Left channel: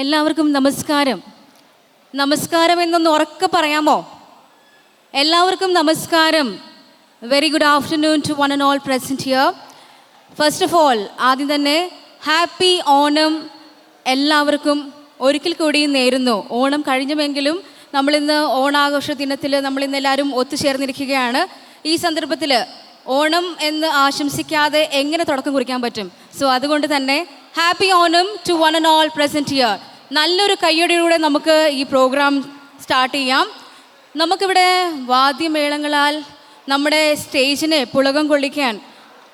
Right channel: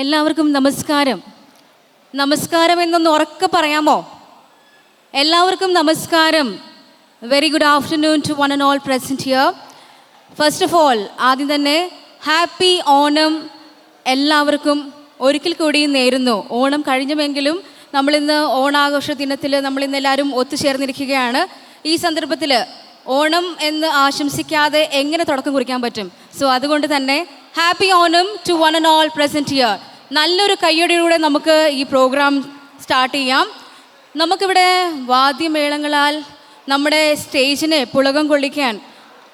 എല്ലാവർക്കും നമസ്കാരം. നമസ്കാരം എന്നൊന്ന് ഉറക്കെ പറയാമോ? എല്ലാവർക്കും നമസ്കാരം. Very good afternoon to one and all present here. First of all ആദ്യം തന്നെ ഹാപ്പി ഓണം എല്ലാവർക്കും ഒരിക്കൽ കൂടി നേരുന്നു. ഓണം കഴിഞ്ഞുവെങ്കിലും നമ്മളിന്ന് ഓണാഘോഷ ദിനത്തിൽ നമ്മളിന്ന് എല്ലാവരും ഒത്തുചേർന്നിരിക്കുകയാണ്. ഈ സന്ദർഭത്തിൽ ഓണം എന്ന് ആശംസിക്കാതെ എങ്ങനെ തുടക്കം കുറിക്കാൻ പറ്റും? സോ അതുകൊണ്ട് തന്നെ happy Onam to one and all present here. നല്ലൊരു കയ്യടിയിലൂടെ നമുക്ക് ഈ പ്രോഗ്രാം സ്റ്റാർട്ട് ചെയ്യാം. നമുക്കിവിടെ വാദ്യമേളങ്ങളാൽ നമ്മുടെ സ്റ്റേജിനെ പുളകം കൊള്ളിക്കാൻ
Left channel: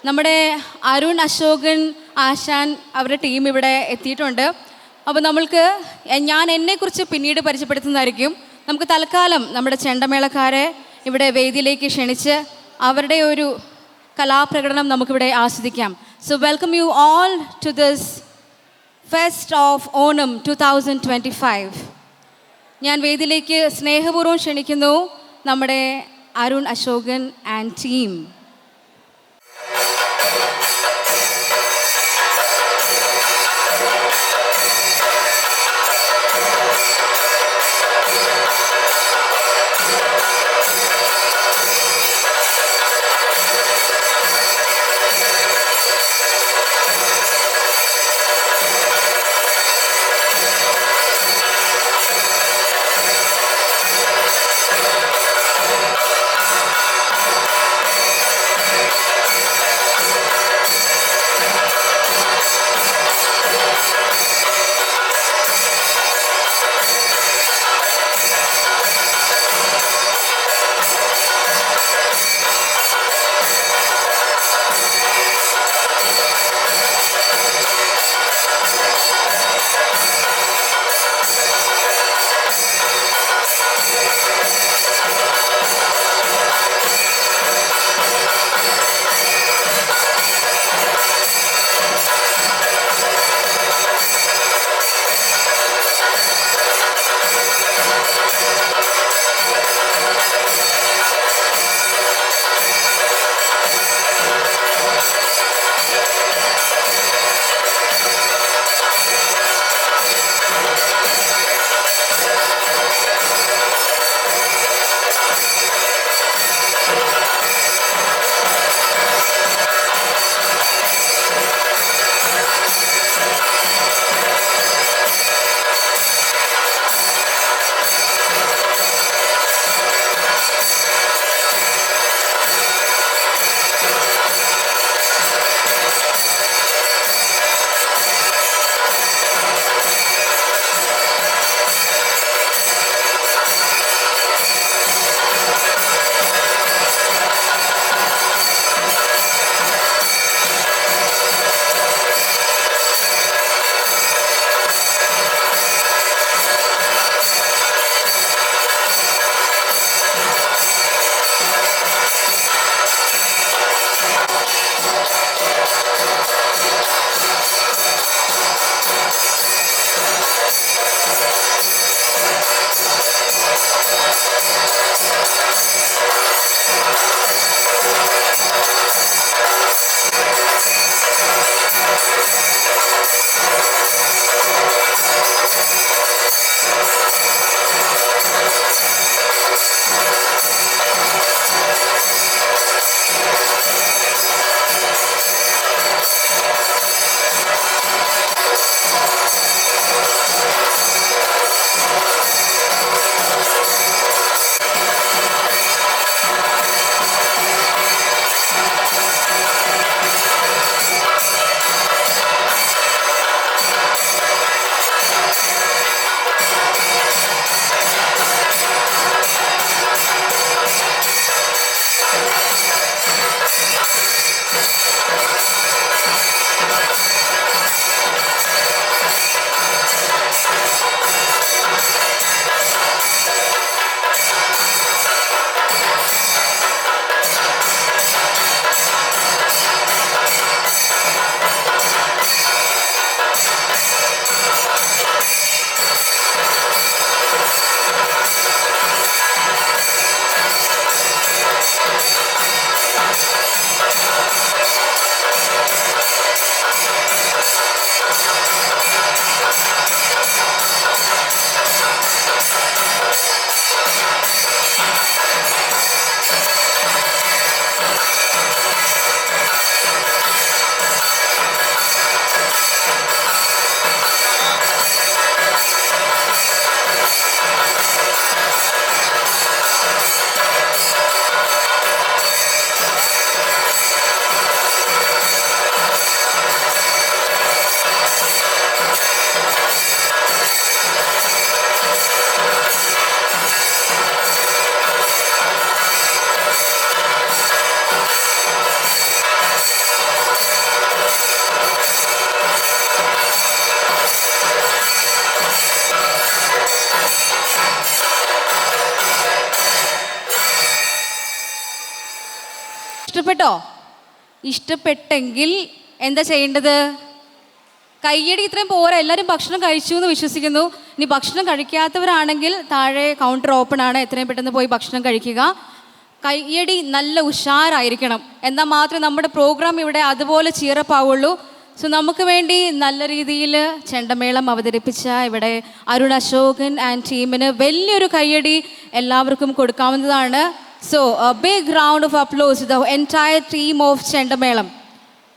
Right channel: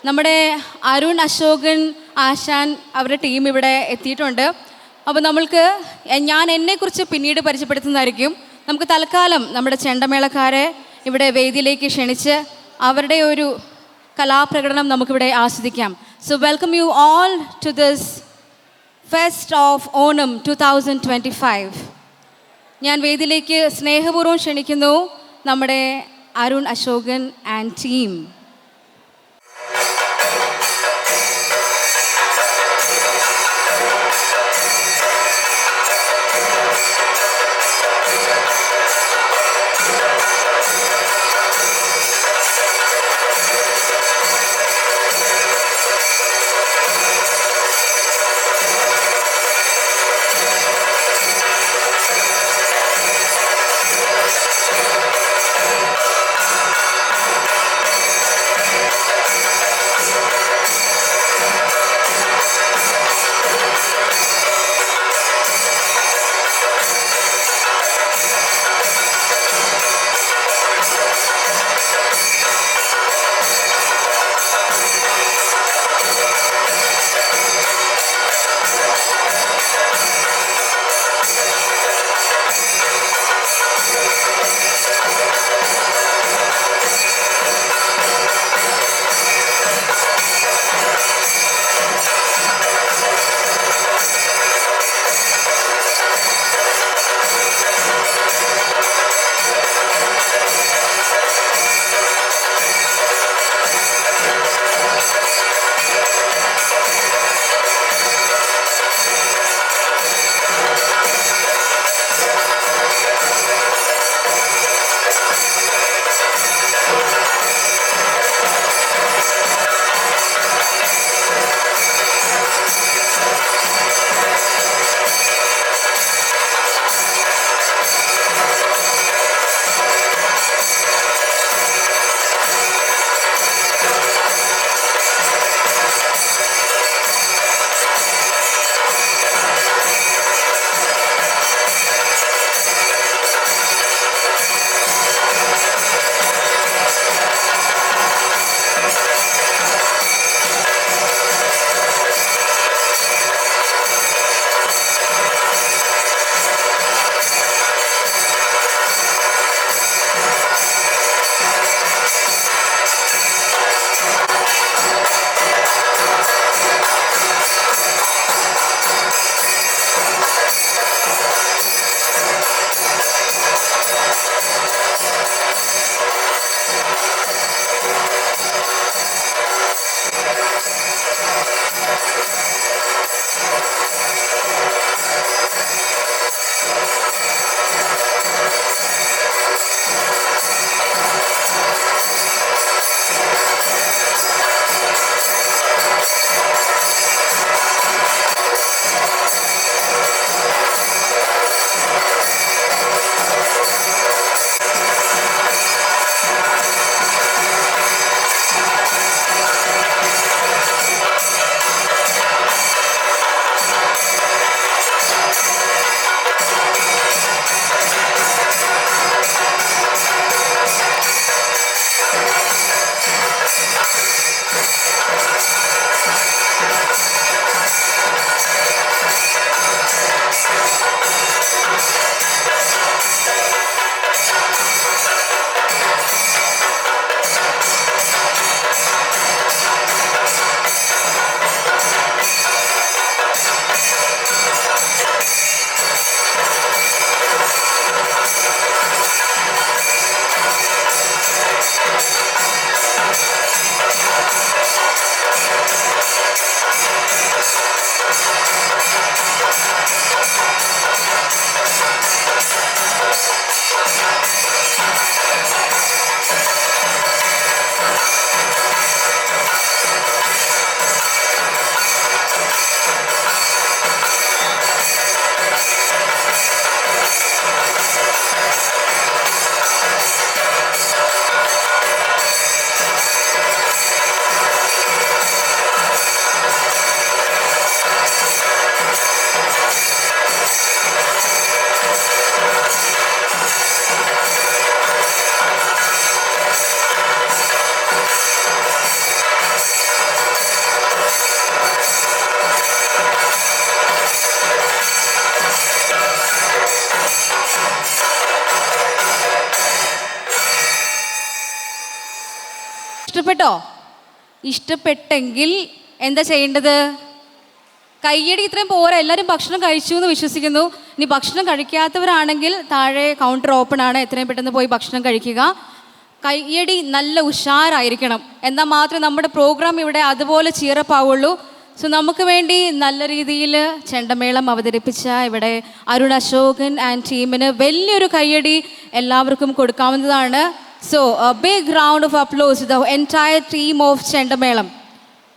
നമ്മുടെ അരുൺ അശോകൻ ആശാൻ അവരുടെ ടീം ഇവിടെ എത്തിയിട്ടുണ്ട്. അപ്പോൾ ഞാൻ എന്നെക്കുറിച്ച് പിന്നീട് പരിചയപ്പെടുത്തുന്നതായിരിക്കും. നമുക്ക് തൽക്കാലം നമ്മുടെ ചെണ്ടമേളക്കാരെ ഇവിടെ വേദിയിലേക്ക് ക്ഷണിച്ച് അവരുടെ ഒരു കലാപ്രകടനം നമുക്കിവിടെ ആസ്വദിക്കാം. So welcome you all to this fest of Onam 2025. ഞാൻ വേദിയിലേക്ക് സ്നേഹപൂർവ്വം ക്ഷണിക്കുന്നു നമ്മുടെ അരുൺ അശോകൻ ആൻഡ് ടീം. ഇഷ്ടപ്പെട്ടോ? ഇഷ്ടപ്പെട്ടെങ്കിൽ എന്താ ചെയ്യേണ്ടത്? കയ്യടി ഇത്രയും പോരാ, എല്ലാവരും ഭക്ഷണം കഴിച്ചു എന്ന് വിശ്വസിക്കുന്നു. ഇനി ഭക്ഷണം കഴിക്കാത്തവരാണെങ്കിൽ താഴെ കൗണ്ടർ ഓപ്പൺ ആണ്, എത്രയും പെട്ടെന്ന് പോയി ഭക്ഷണം കഴിക്കുക. കയ്യടി നല്ല ഉഷാറായിരിക്കണം, എന്നാൽ മാത്രമേ നമ്മുടെ പ്രോഗ്രാം ഇവിടെ അതുപോലെ ചീറപ്പാവുള്ളൂ. സോ നമുക്ക് വേണ്ടി നല്ല രീതിയിൽ ചെണ്ടമേളം അവതരിപ്പിച്ച ഇവിടെ അരുൺ അശോകൻ ആൻഡ് ടീമിന് വലിയൊരു കയ്യടി എല്ലാവർക്കും കൊടുക്കാവുന്നതാണ്. So a big round of applause the entire team of ചെണ്ടമേളം.